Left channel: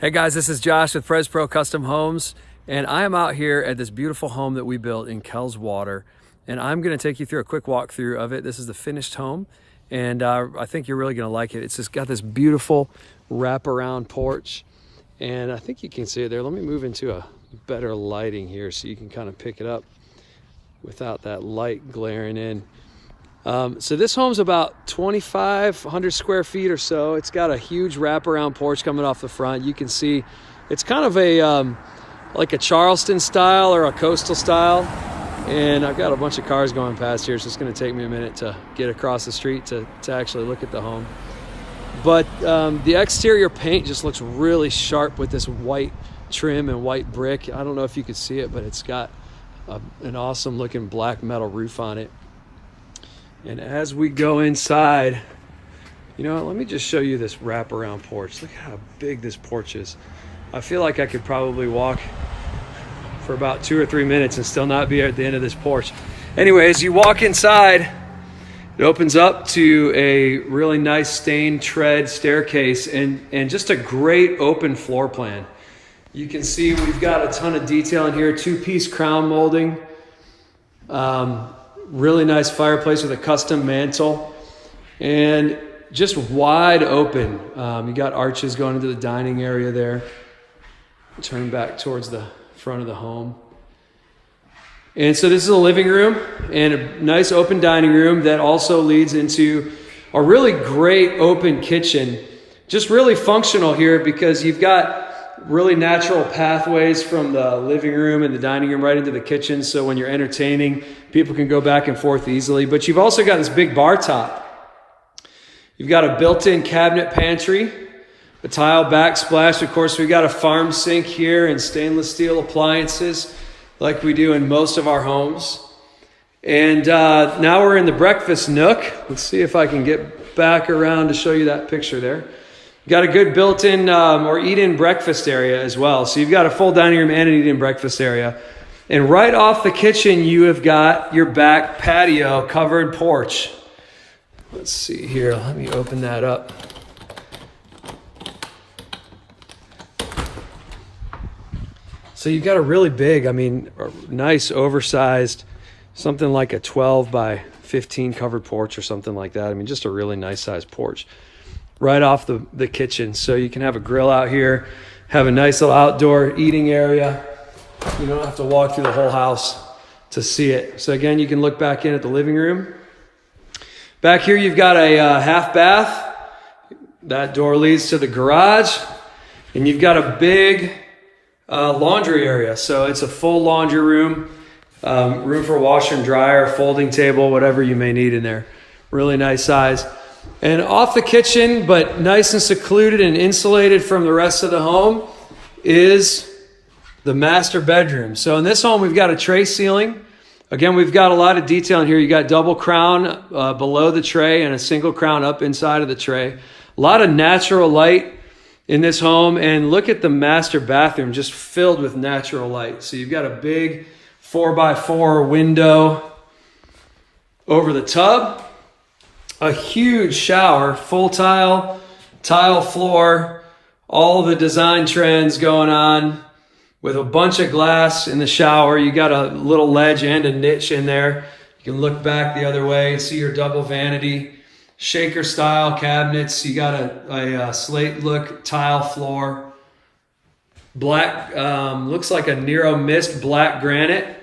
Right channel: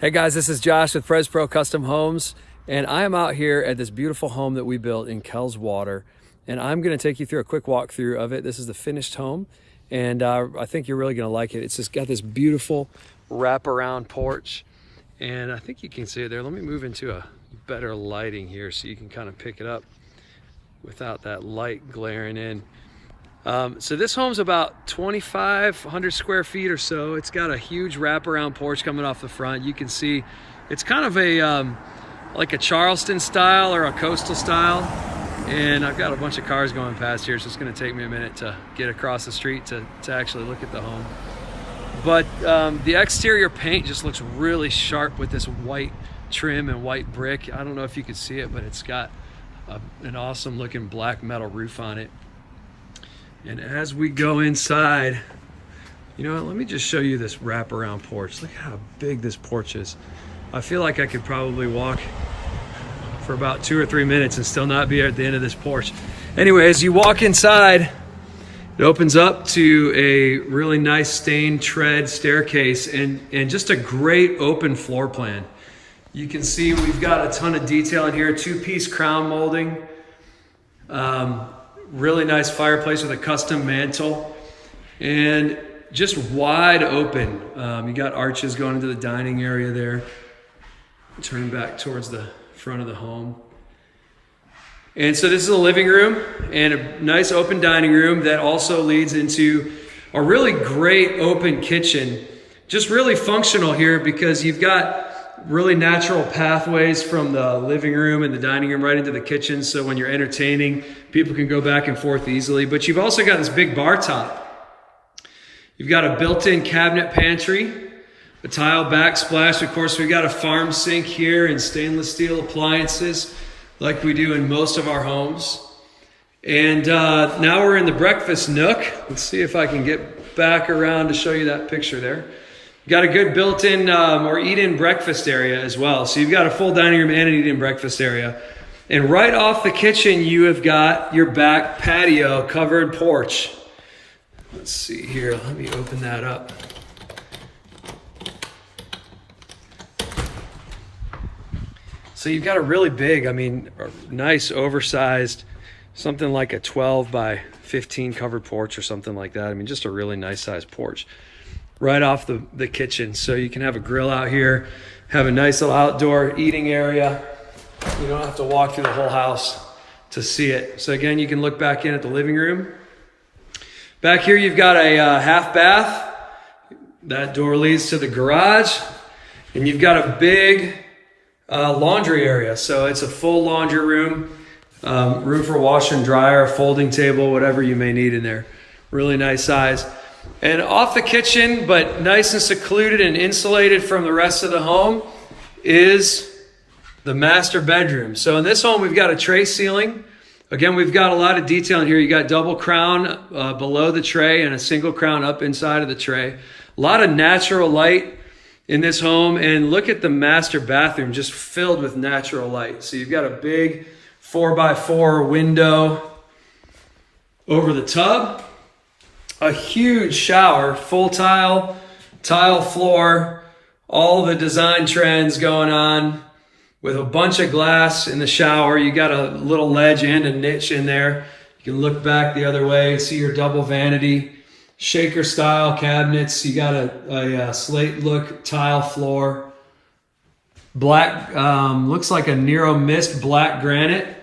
Hey guys, this is Josh with PresPro Custom Homes, and I am out here at this beautiful home that we built in Kellswater, and I'm going to take you through a quick walkthrough of it. This is the finished home, and I think you're really going to like it. It's just got this beautiful wraparound porch, and I think you can see it there. Let me move into a better lighting here so you can kind of pick it up without that light glaring in. So this home's about 2,500 square feet or so. It's got a huge wraparound porch coming off the front. You can see it's kind of a like a Charleston style or a coastal style. And I've got a bunch of cars going past here, so it's going to take me a minute to get across the street to actually look at the home. But the exterior paint just looks really sharp with this white trim and white brick. I don't know if you can see it, but it's got an awesome looking black metal roof on it. And as we go inside, you know what, let me just show you this wraparound porch. Look how big this porch is. I feel like I could probably walk for about 2 or 3 minutes and still not be at the end of this porch. Anyway, as you walk inside, it opens up to a really nice stained tread staircase and just a great open floor plan. You can see we've got a ton of detail in here, 2-piece crown molding. Really nice fireplace with a custom mantle and just wide open. You got arches going into the dining area there. Turn back towards the front of the home. And so this is a living room and a nice open dining room that also leads into a really great open kitchen. Just really functional here because you've got really natural pathways from the living room and the dining room right into the kitchen. So when you're entertaining, people can go back and forth easily. But you've also got this big bar top. You've got a built-in cabinet pantry, a tile backsplash. Of course, we've got a farm sink here and stainless steel appliances like we do in most of our homes. And now we're in the breakfast nook. Let's see if I can get back around to show you that picture there. Got a good built-in or eat-in breakfast area as well. So you've got a full dining room and an eat-in breakfast area. And right off the kitchen, you have got your back patio covered porch. Let's see here. Let me open that up. So you've got a really big, nice oversized, something like a 12 by 15 covered porch or something like that. Just a really nice sized porch right off the kitchen. So you can have a grill out here, have a nice little outdoor eating area. You don't have to walk through the whole house to see it. So again, you can look back in at the living room. Back here, you've got a half bath. That door leads to the garage. And you've got a big laundry area. So it's a full laundry room, room for washer and dryer, folding table, whatever you may need in there. Really nice size. And off the kitchen, but nice and secluded and insulated from the rest of the home, is the master bedroom. So in this home, we've got a tray ceiling. Again, we've got a lot of detail in here. You got double crown below the tray and a single crown up inside of the tray. A lot of natural light in this home. And look at the master bathroom, just filled with natural light. So you've got a big 4x4 window over the tub. A huge shower, full tile floor, all the design trends going on with a bunch of glass in the shower. You got a little ledge and a niche in there. You can look back the other way and see your double vanity, shaker style cabinets. You got a slate look tile floor, black, looks like a Nero Mist black granite.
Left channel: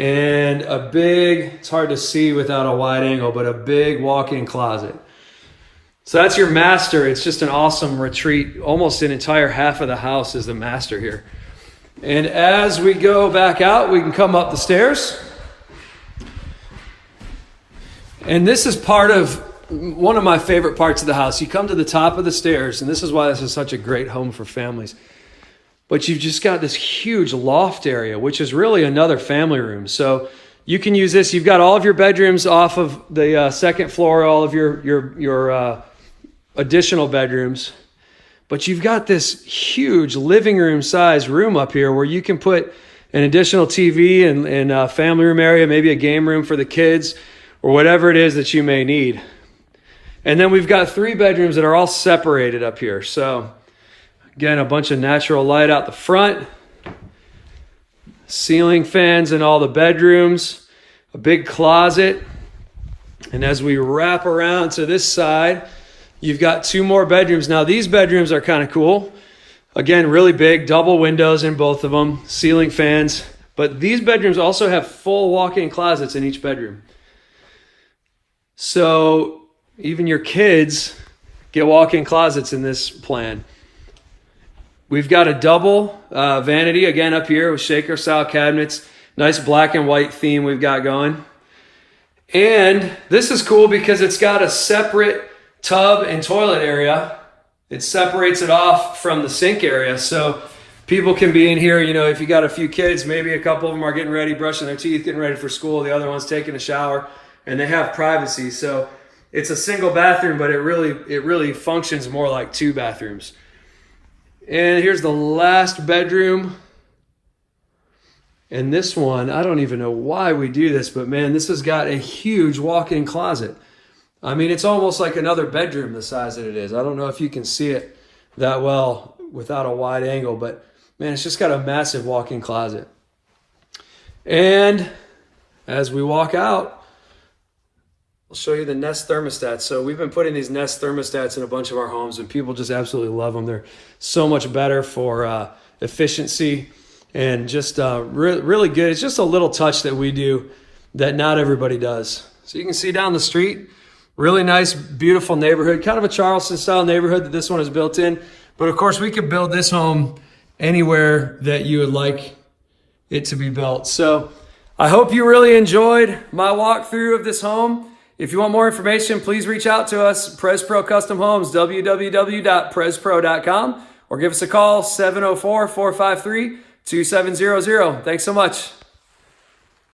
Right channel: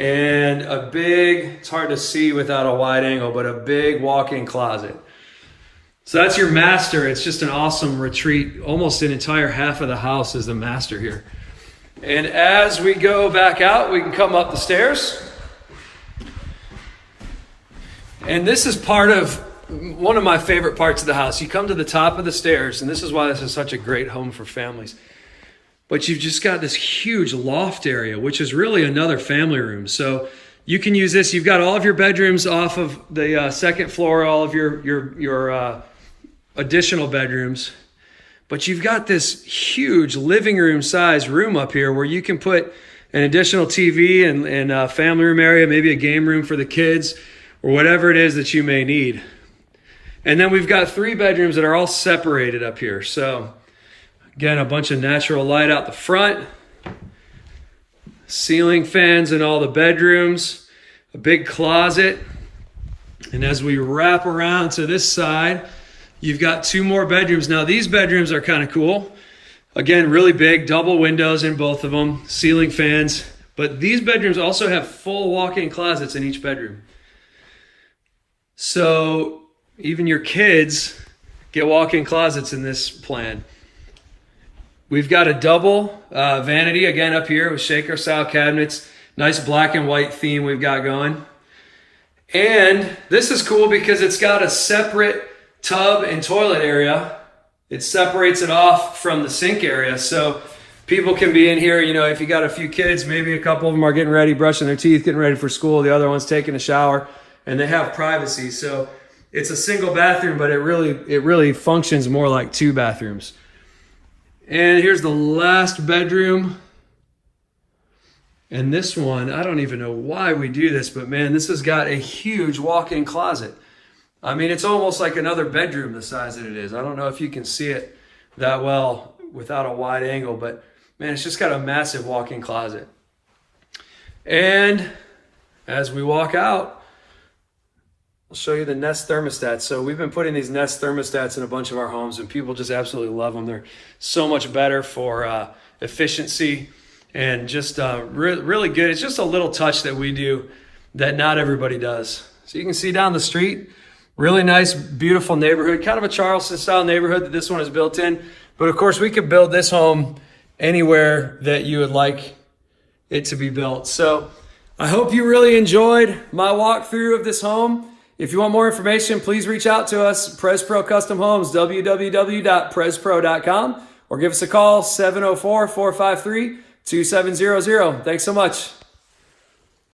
And a big, it's hard to see without a wide angle, but a big walk-in closet. So that's your master. It's just an awesome retreat. Almost an entire half of the house is the master here. And as we go back out, we can come up the stairs. And this is part of one of my favorite parts of the house. You come to the top of the stairs, and this is why this is such a great home for families. But you've just got this huge loft area, which is really another family room. So you can use this. You've got all of your bedrooms off of the second floor, all of your additional bedrooms. But you've got this huge living room size room up here where you can put an additional TV and a family room area, maybe a game room for the kids or whatever it is that you may need. And then we've got 3 bedrooms that are all separated up here. So Again, a bunch of natural light out the front. Ceiling fans in all the bedrooms. A big closet. And as we wrap around to this side, you've got 2 more bedrooms. Now these bedrooms are kind of cool. Again, really big, double windows in both of them, ceiling fans. But these bedrooms also have full walk-in closets in each bedroom. So even your kids get walk-in closets in this plan. We've got a double vanity again up here with shaker style cabinets. Nice black and white theme we've got going. And this is cool because it's got a separate tub and toilet area. It separates it off from the sink area. So people can be in here, you know, if you got a few kids, maybe a couple of them are getting ready, brushing their teeth, getting ready for school. The other one's taking a shower, and they have privacy. So it's a single bathroom, but it really functions more like 2 bathrooms. And here's the last bedroom. And this one, I don't even know why we do this, but man, this has got a huge walk-in closet. I mean, it's almost like another bedroom the size that it is. I don't know if you can see it that well without a wide angle, but man, it's just got a massive walk-in closet. And as we walk out, I'll show you the Nest thermostats. So we've been putting these Nest thermostats in a bunch of our homes, and people just absolutely love them. They're so much better for efficiency and just really good. It's just a little touch that we do that not everybody does. So you can see down the street, really nice, beautiful neighborhood, kind of a Charleston style neighborhood that this one is built in. But of course, we could build this home anywhere that you would like it to be built. So I hope you really enjoyed my walkthrough of this home. If you want more information, please reach out to us, PresPro Custom Homes, www.prespro.com, or give us a call, 704-453-2700. Thanks so much.